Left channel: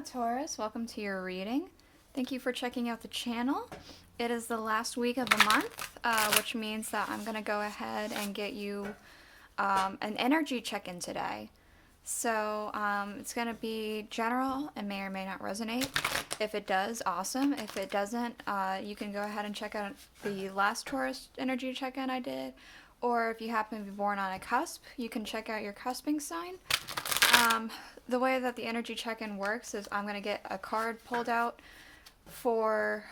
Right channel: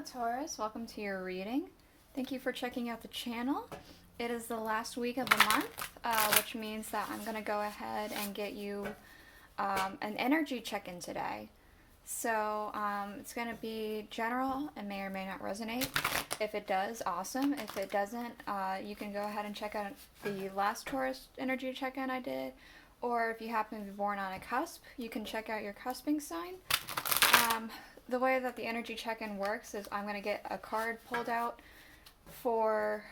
Hello Taurus, welcome to your reading. Thank you for checking out the channel. It is the last week of the month, which means that I'm going to go ahead and get you an energy check-in today. So it's going to be general and may or may not resonate. If it does, awesome. If it doesn't, you can go ahead and check out the last Taurus energy check-in I did. Or if you happen to be born on a cusp, you can check out your cusping sign. The way that the energy check-in works is I'm going to get a card pulled out for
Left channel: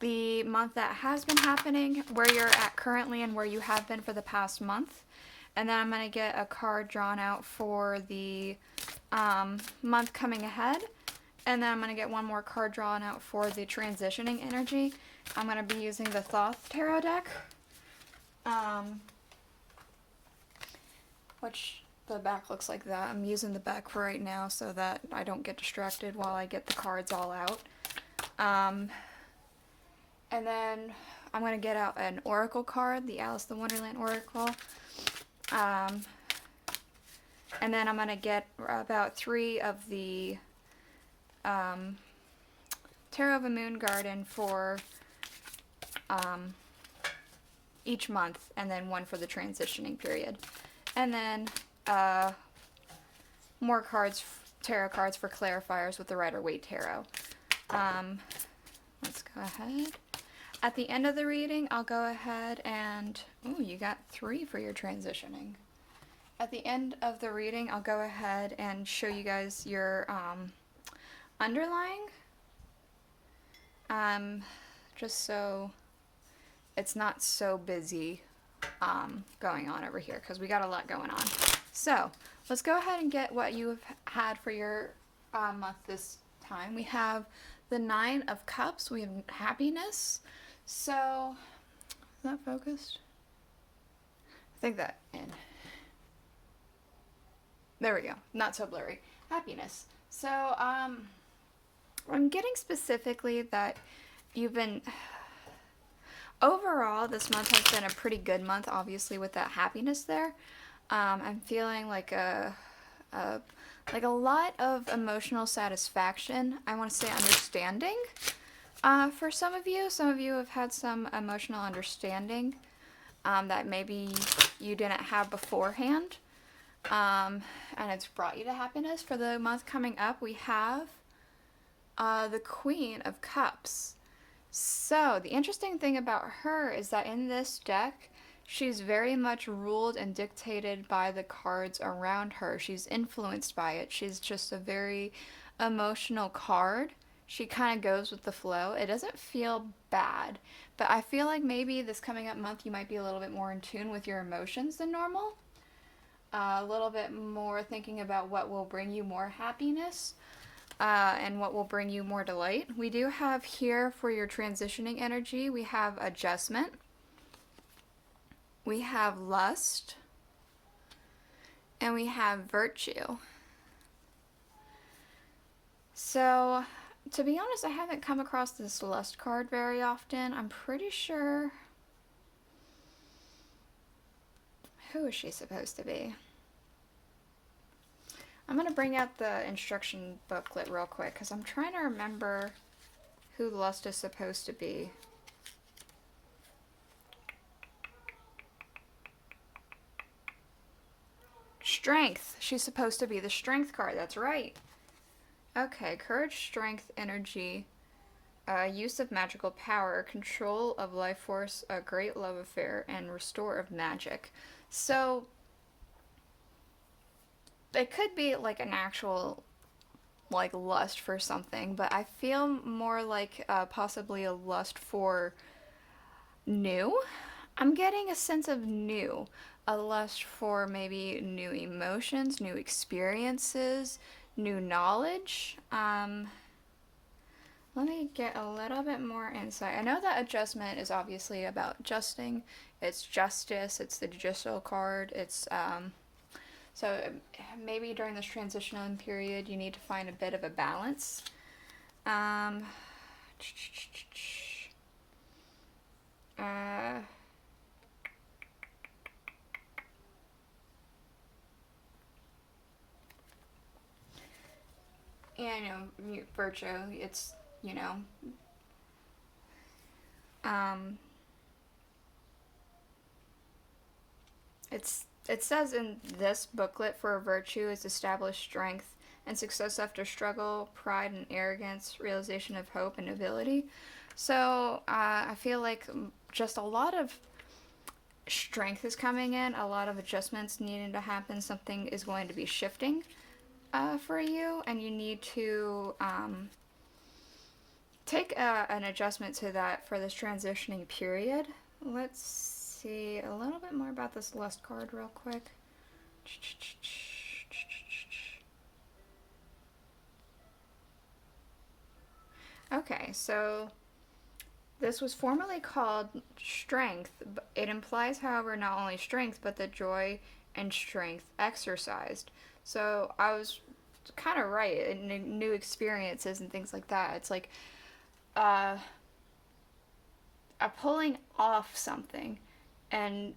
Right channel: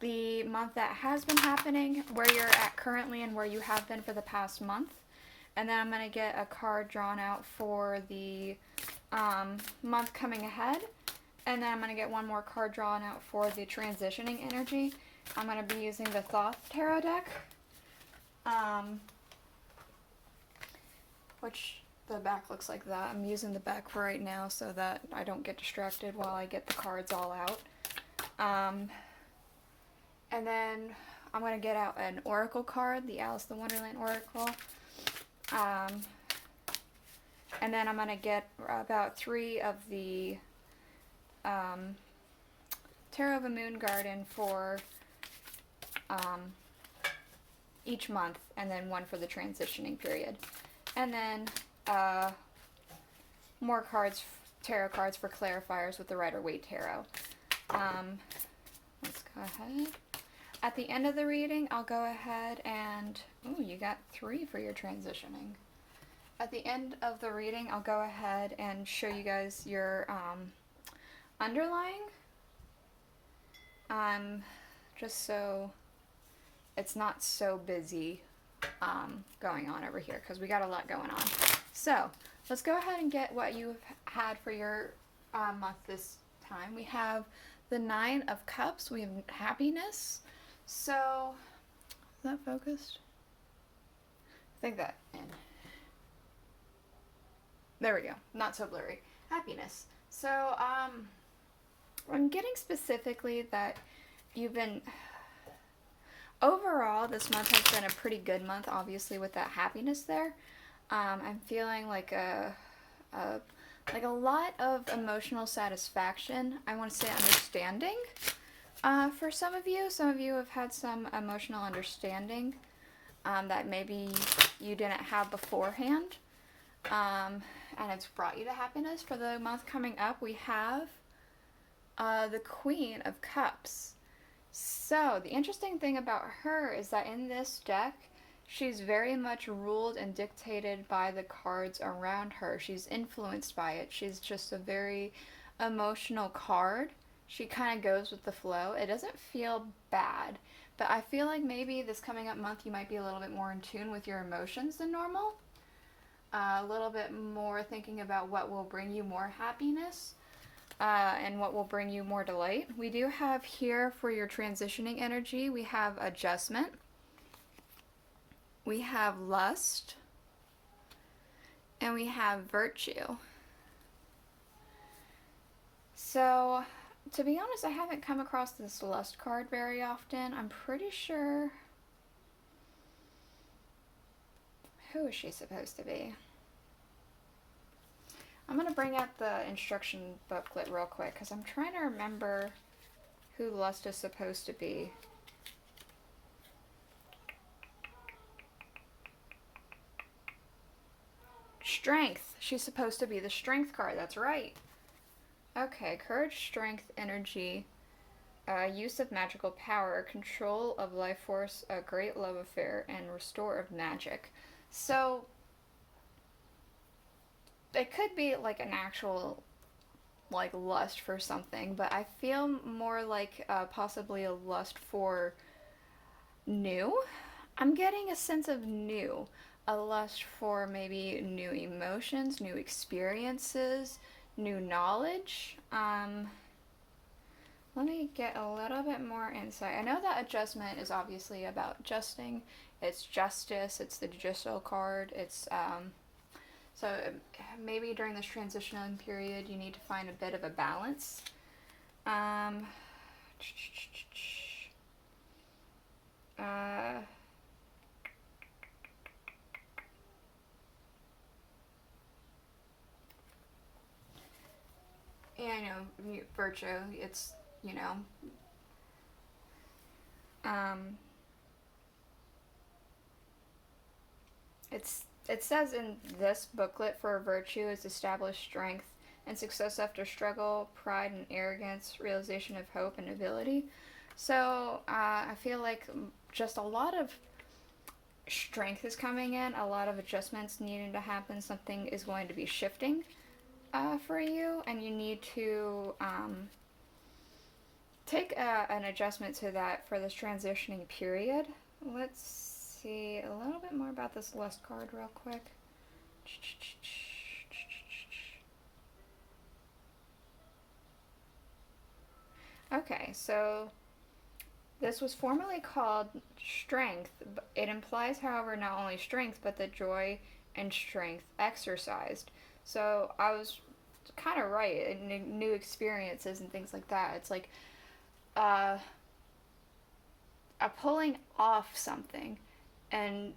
the month that has been happening, where you're at currently and where you have been for the past month. And then I'm going to get a card drawn out for the month coming ahead. And then I'm going to get one more card drawn out for the transitioning energy. I'm going to be using the Thoth tarot deck. Which the back looks like that. I'm using the back for right now so that I don't get distracted while I get the cards all out. And then I'm going to get out an oracle card, the Aleister Wonderland oracle. And then I'm going to get about 3 of the Tarot of a Moon Garden for each month, and then 1 for the transitioning period. And then more cards, tarot cards for clarifiers with the Rider-Waite tarot. Let's go ahead. At the end of the reading, I'll go ahead and... Ooh, you got 3 for your transitioning. At the end of the reading, I'll go ahead and show you guys your underlying. Just so it's not so busy going on over here, because we got a lot going on. So let's go ahead and get what you've had for your month this time. We have the 9 of Cups. We have happiness. So is that focused? I think that in. There we go. Not so blurry. Happiness. So I'm getting specifically that you've been... Overall, this month has been a pretty good month, obviously, with that happiness there. I'm feeling like a lot of emotional satisfaction. I want to say understanding for some of you. Some of you have had some emotional understanding that maybe you didn't have beforehand. And it's brought you to happiness. For the month coming up, we have the Queen of Cups. So, the interesting thing about her is that in this deck, she's very much ruled and dictated by the cards around her. She's influenced by it. She's just a very emotional card. She kind of goes with the flow. It doesn't feel bad, but I feel like maybe this coming up month you might be a little bit more in tune with your emotions than normal. A little bit more thinking about what will bring you more happiness. And what will bring you more delight. We do have here for your transitioning energy, we have adjustment, we have lust, and we have virtue. So, to be honest, I haven't come across this lust card very often. I'm pretty sure... Who is she supposed to be? I'm going to bring out the instruction booklet real quick, because I'm trying to remember who lust is supposed to be. Strength. She's supposed to be the strength card. That's right. Okay, courage, strength, energy, use of magical power, control of life force, a great love affair, and restore of magic. So... it could be like an actual like lust for something, but I feel more like possibly a lust for new. I'm getting a sense of new. A lust for maybe new emotions, new experiences, new knowledge. Let me get a little bit more insight. I know that adjustment is obviously about adjusting. It's justice. It's the judicial card. It's so maybe during this transitional period, you need to find a bit of a balance. And, virtue, it's, um, it says in this booklet for virtue is established strength and success after struggle, pride and arrogance, realization of hope and ability. So I feel like just a lot of strength is coming in, a lot of adjustments needing to happen. Something is going to be shifting for you, and you need to take an adjustment to that for this transitioning period. Let's see a little bit more about this lust card real quick. Okay, so this was formerly called strength. It implies, however, not only strength, but the joy and strength exercised. So I was kind of right in new experiences and things like that. It's like a pulling off something and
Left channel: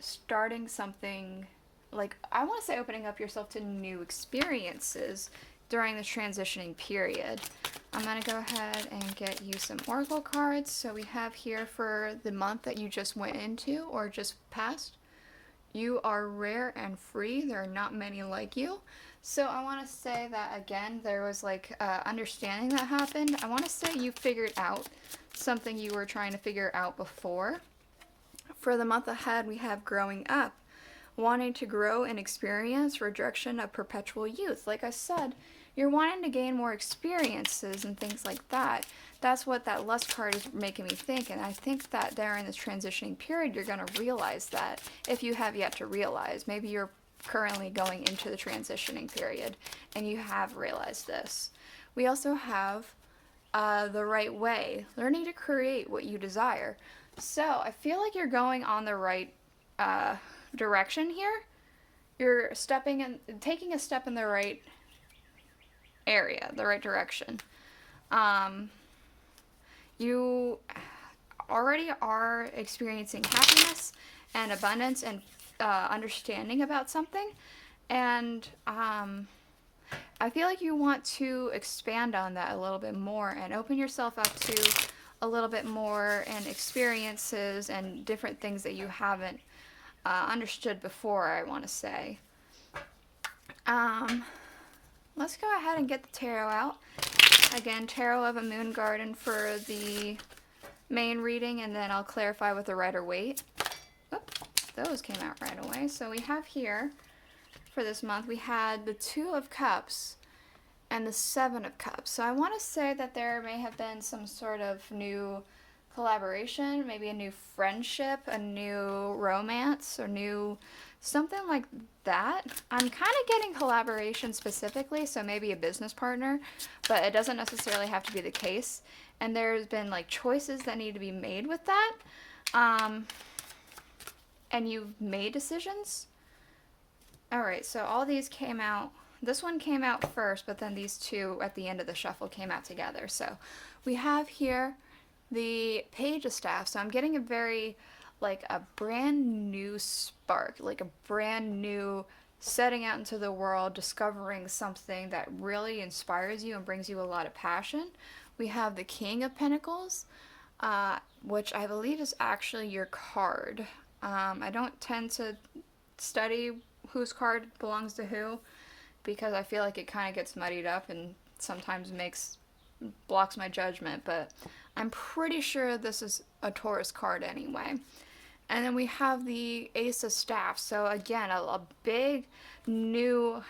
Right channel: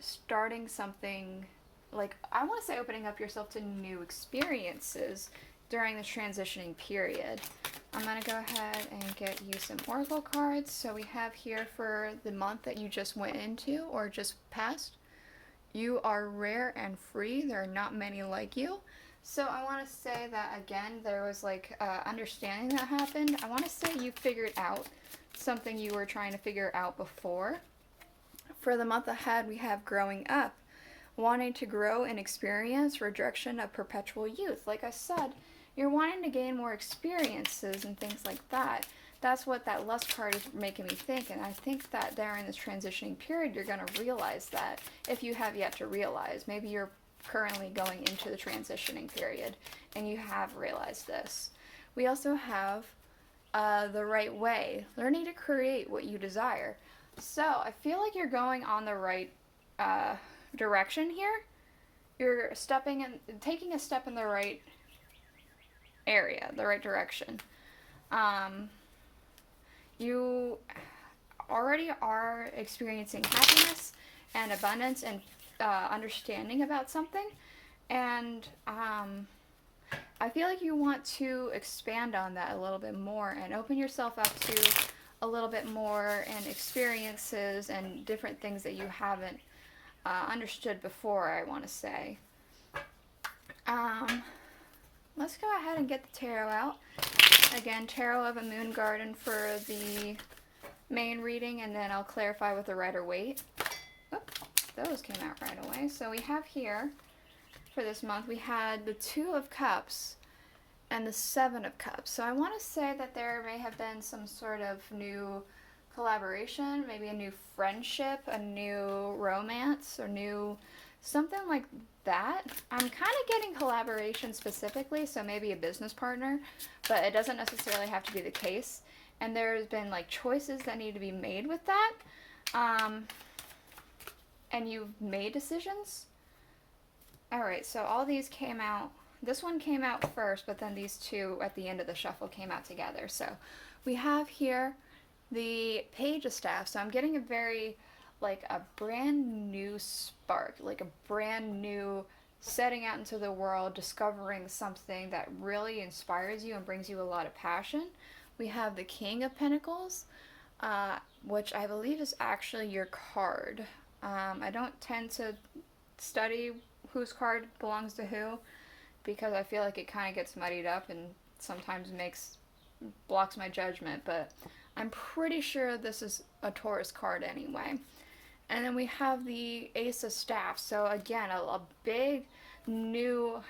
starting something, like, I want to say opening up yourself to new experiences during this transitioning period. I'm going to go ahead and get you some oracle cards. So we have here for the month that you just went into or just passed. You are rare and free. There are not many like you. So I want to say that, again, there was like understanding that happened. I want to say you figured out something you were trying to figure out before. For the month ahead, we have growing up, wanting to grow in experience, rejection of perpetual youth. Like I said, you're wanting to gain more experiences and things like that. That's what that lust card is making me think, and I think that there in this transitioning period, you're going to realize that, if you have yet to realize. Maybe you're currently going into the transitioning period, and you have realized this. We also have the right way, learning to create what you desire. So I feel like you're going on the right direction here. You're taking a step in the right area, the right direction. You already are experiencing happiness and abundance and understanding about something, and I feel like you want to expand on that a little bit more and open yourself up to a little bit more and experiences and different things that you haven't understood before, I want to say. Let's go ahead and get the tarot out. Again, Tarot of a Moon Garden for the main reading, and then I'll clarify with the Rider-Waite. Those came out right away. So we have here, for this month, we had the Two of Cups and the Seven of Cups. So I want to say that there may have been some sort of new collaboration, maybe a new friendship, a new romance, or new something like that. I'm kind of getting collaboration specifically, so maybe a business partner, but it doesn't necessarily have to be the case. And there's been like choices that need to be made with that. And you've made decisions. Alright, so all these came out. This one came out first, but then these two at the end of the shuffle came out together. So we have here the Page of Staff. So I'm getting a very, like, a brand new spark, like a brand new setting out into the world, discovering something that really inspires you and brings you a lot of passion. We have the King of Pentacles, which I believe is actually your card. I don't tend to study whose card belongs to who, because I feel like it kind of gets muddied up and sometimes blocks my judgment, but I'm pretty sure this is a Taurus card anyway. And then we have the Ace of Staffs. So again, a big new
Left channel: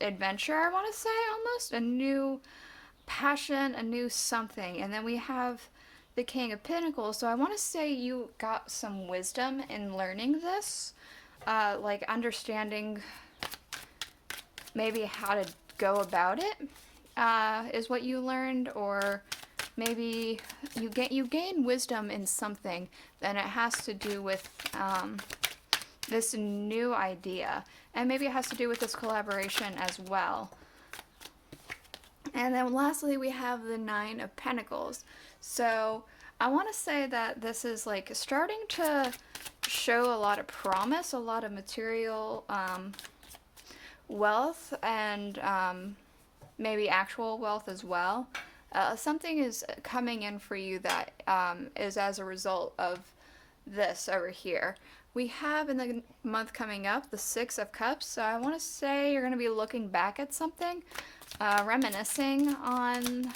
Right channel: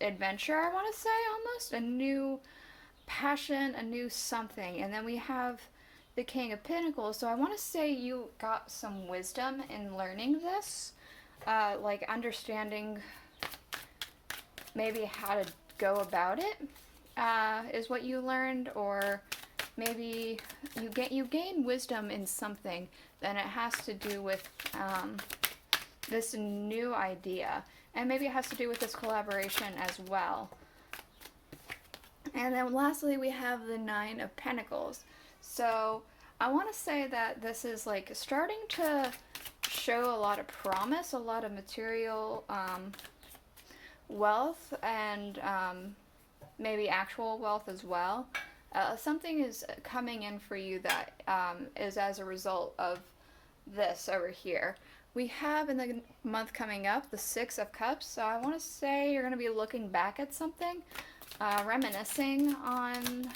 adventure, I want to say, almost. A new passion, a new something. And then we have the King of Pentacles. So I want to say you got some wisdom in learning this. Like understanding maybe how to go about it is what you learned, or maybe you gain wisdom in something, then it has to do with this new idea, and maybe it has to do with this collaboration as well. And then lastly, we have the Nine of Pentacles. So I want to say that this is like starting to show a lot of promise, a lot of material wealth, and maybe actual wealth as well. Something is coming in for you that is as a result of this over here. We have in the month coming up the Six of Cups, so I want to say you're going to be looking back at something, reminiscing on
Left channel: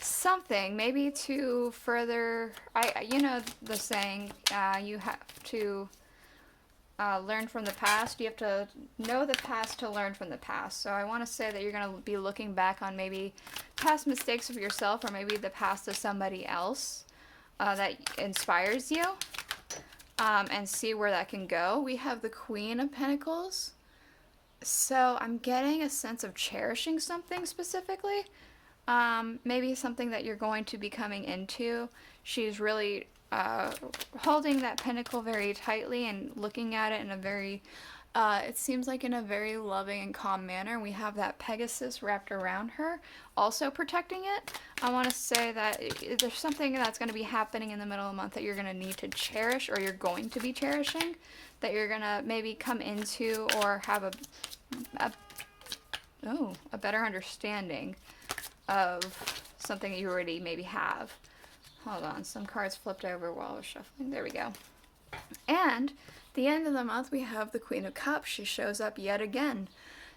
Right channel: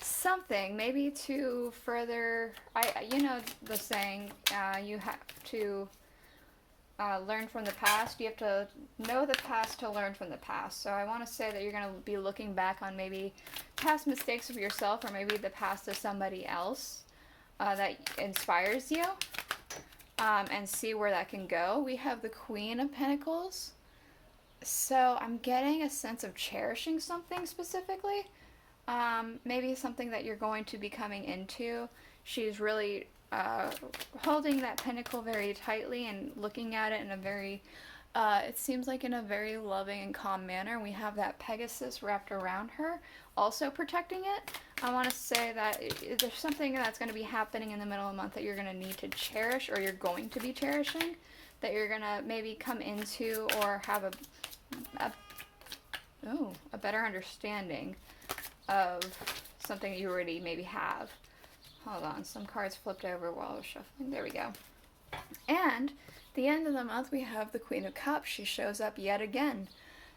something, maybe to further, you know the saying, you have to learn from the past. You have to know the past to learn from the past. So I want to say that you're going to be looking back on maybe past mistakes of yourself, or maybe the past of somebody else that inspires you, and see where that can go. We have the Queen of Pentacles. So I'm getting a sense of cherishing something specifically. Maybe something that you're going to be coming into. She's really holding that pentacle very tightly and looking at it in a very, it seems like in a very loving and calm manner. We have that Pegasus wrapped around her, also protecting it. I want to say that there's something that's going to be happening in the middle of the month that you're going to need to cherish, or you're going to be cherishing, that you're going to maybe come into or have a better understanding of something that you already maybe have. Hold on, some cards flipped over while I was shuffling. There we go. And the end of the month, we have the Queen of Cups. She shows up yet again.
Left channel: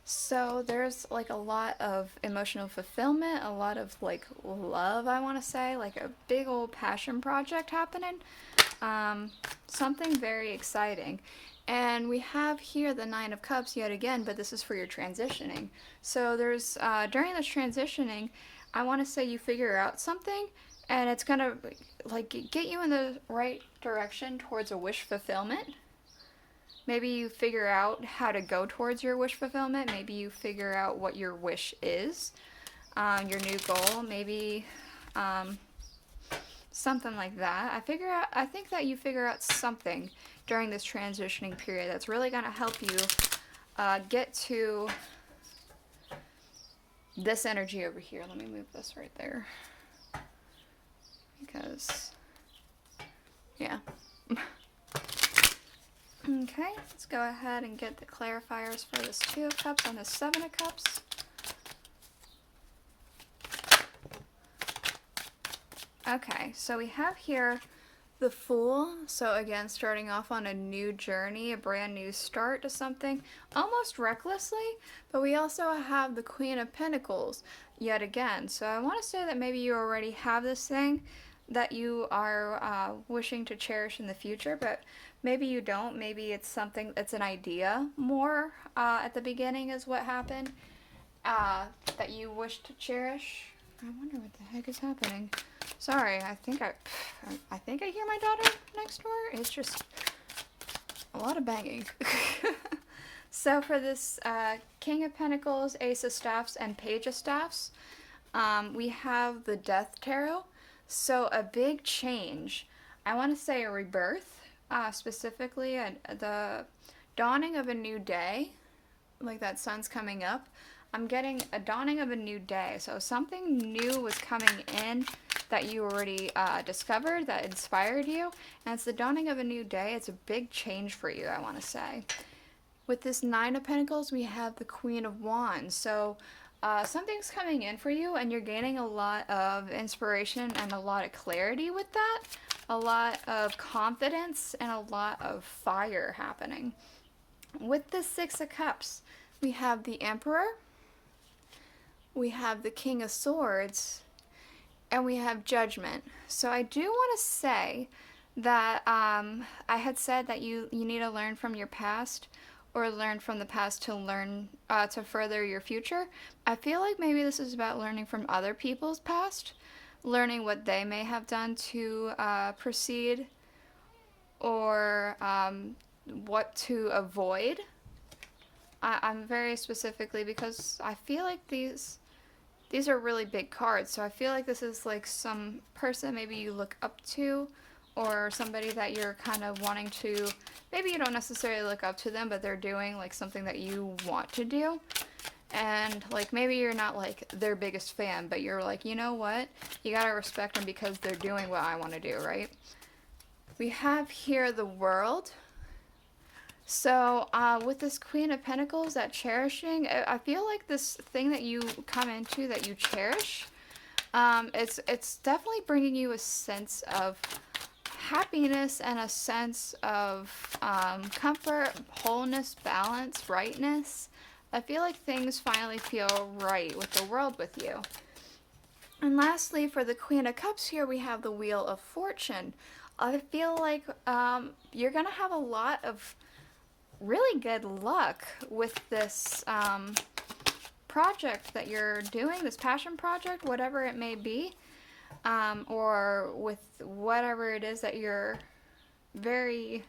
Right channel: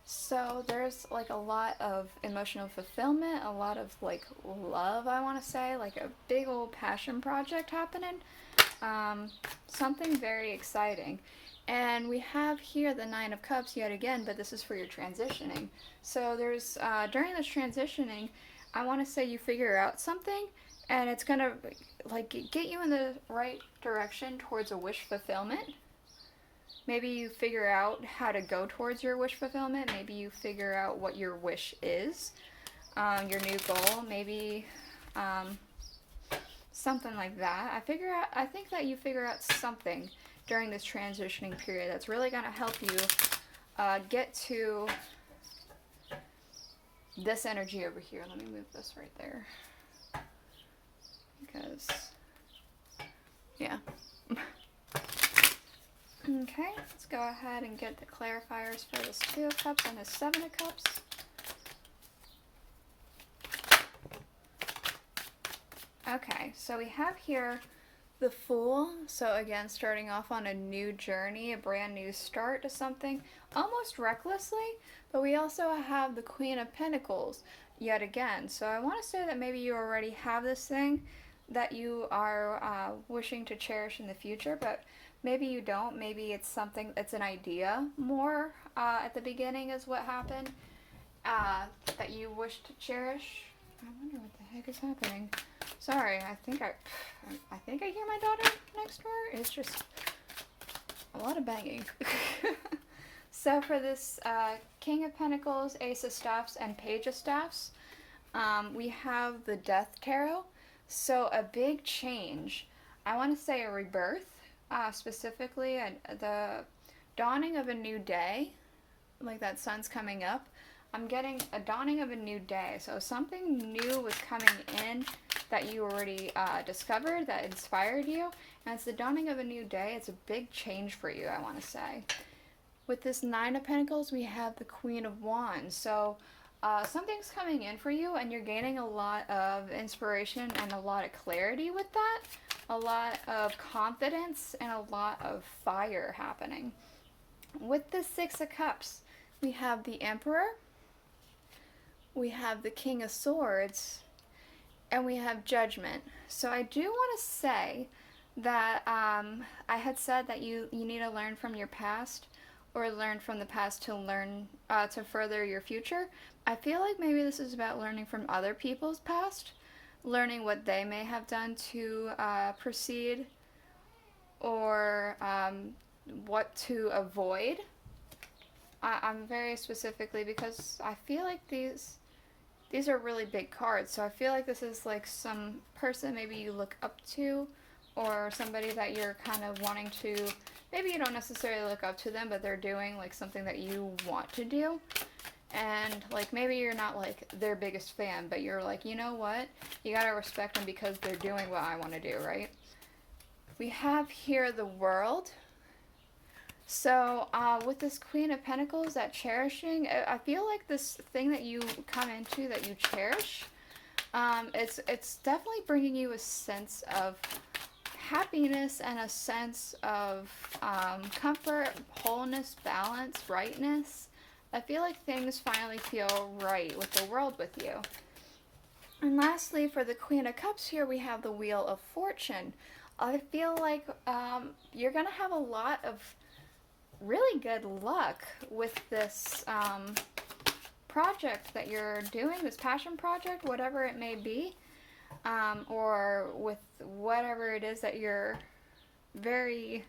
So there's like a lot of emotional fulfillment, a lot of like love, I want to say, like a big old passion project happening. Something very exciting. And we have here the Nine of Cups yet again, but this is for your transitioning. So there's, during this transitioning, I want to say you figure out something, and it's going to, like, get you in the right direction towards a wish fulfillment. Maybe you figure out how to go towards your wish fulfillment. Maybe you figure out what your wish is, your new goal. Maybe, something like that. I think that you figure out something during this transitioning period that's really going to help you get to this energy over here. Let me move this right there, because yeah. Okay, let's go ahead and get the clarifiers for this Two of Cups and the Seven of Cups. Okay, so we have here the Fool. So again, starting off on a new journey, a brand new start to something, almost recklessly. But we also have the Queen of Pentacles yet again. So I want to say that maybe you already have this thing that you are wishing to cherish in the future, but maybe you don't. Maybe it's something, it's an idea more at the beginning is what happened, that you wish to cherish. I wonder what the heck is happening. Sorry, I think I hear my daughter next door. It's just a lot of banging. So for this King of Pentacles, Ace of Staffs, and Page of Staffs, we have the Death Tarot. So a big change. I want to say a rebirth, specifically the dawning of a new day, like that sun's coming up. I'm getting a dawning of a new day. So something new was coming in that you already discovered that inspired you. And it's the dawning of a new day. It's a big change for you, I want to say. With this Nine of Pentacles, we have the Queen of Wands. So something's coming in for you, and you're gaining a lot of inspiration and a lot of clarity with that. A lot of confidence and a lot of fire happening. With the Six of Cups, we have the Emperor, we have the King of Swords, and we have Judgment. So I do want to say that I had said that you need to learn from your past, or learn from the past to learn to further your future. I feel like maybe this is about learning from other people's past, learning what they may have done to proceed, or what to avoid. I'm very specifically, because I feel like these are really big cards, so I feel like this is like some person maybe you look up to, or somebody that you're kind of wanting to, maybe you don't necessarily look up to them, but they're doing like something that you want to do. And like maybe you're not like their biggest fan, but you're like, you know what? You gotta respect them because they're doing what I want to do, right? We have here the World. So, with this Queen of Pentacles, that cherishing, I feel like this thing that you come into that you cherish, it's definitely bringing you a sense of happiness and a sense of comfort, wholeness, balance, rightness. I feel like things finally feel right with the world with you. And lastly, for the Queen of Cups here, we have the Wheel of Fortune. I feel like you're going to have a lot of really good luck with this project that you're doing, this passion project, whatever it may be, or with whatever it is that you're very,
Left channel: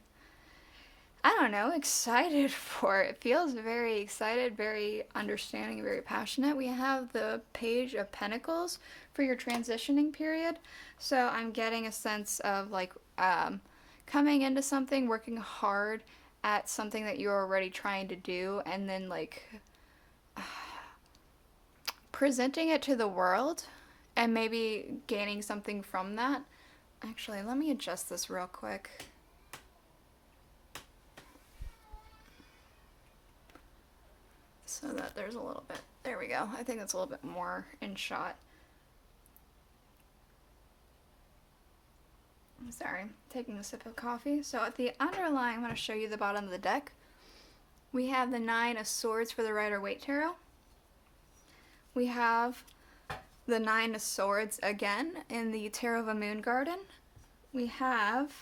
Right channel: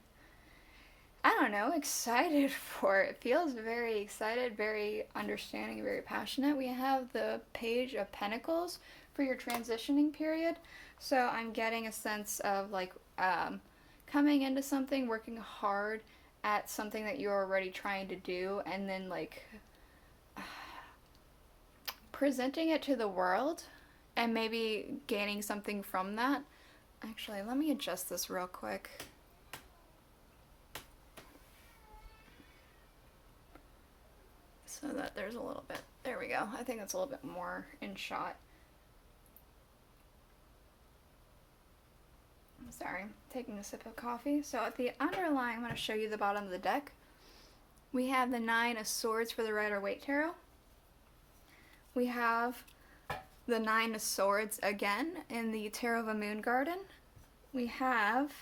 I don't know, excited for. It feels very excited, very understanding, very passionate. We have the Page of Pentacles for your transitioning period. So I'm getting a sense of like coming into something, working hard at something that you're already trying to do, and then like presenting it to the world and maybe gaining something from that. Actually, let me adjust this real quick. So that there's a little bit, there we go. I think that's a little bit more in shot. I'm sorry, taking a sip of coffee. So at the underlying, I'm going to show you the bottom of the deck. We have the Nine of Swords for the Rider-Waite Tarot. We have the Nine of Swords again in the Tarot of a Moon Garden. We have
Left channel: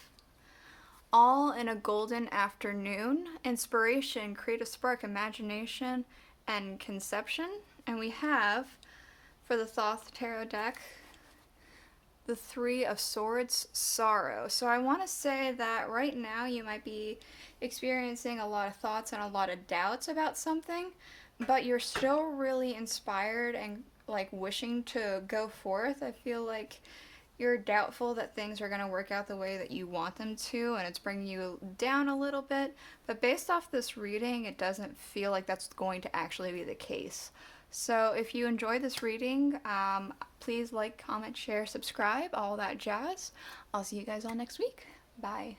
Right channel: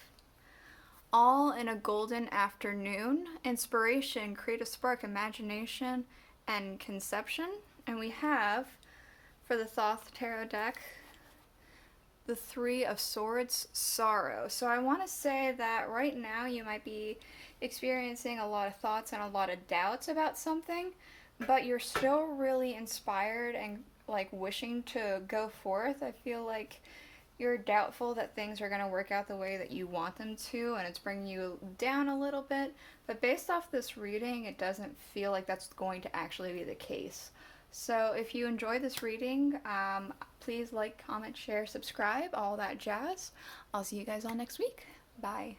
All in a Golden Afternoon, Inspiration, Creative Spark, Imagination, and Conception. And we have, for the Thoth Tarot deck, the Three of Swords, Sorrow. So I want to say that right now you might be experiencing a lot of thoughts and a lot of doubts about something, but you're still really inspired and like wishing to go forth. I feel like you're doubtful that things are going to work out the way that you want them to, and it's bringing you down a little bit. But based off this reading, it doesn't feel like that's going to actually be the case. So if you enjoy this reading, please like, comment, share, subscribe, all that jazz. I'll see you guys all next week. Bye.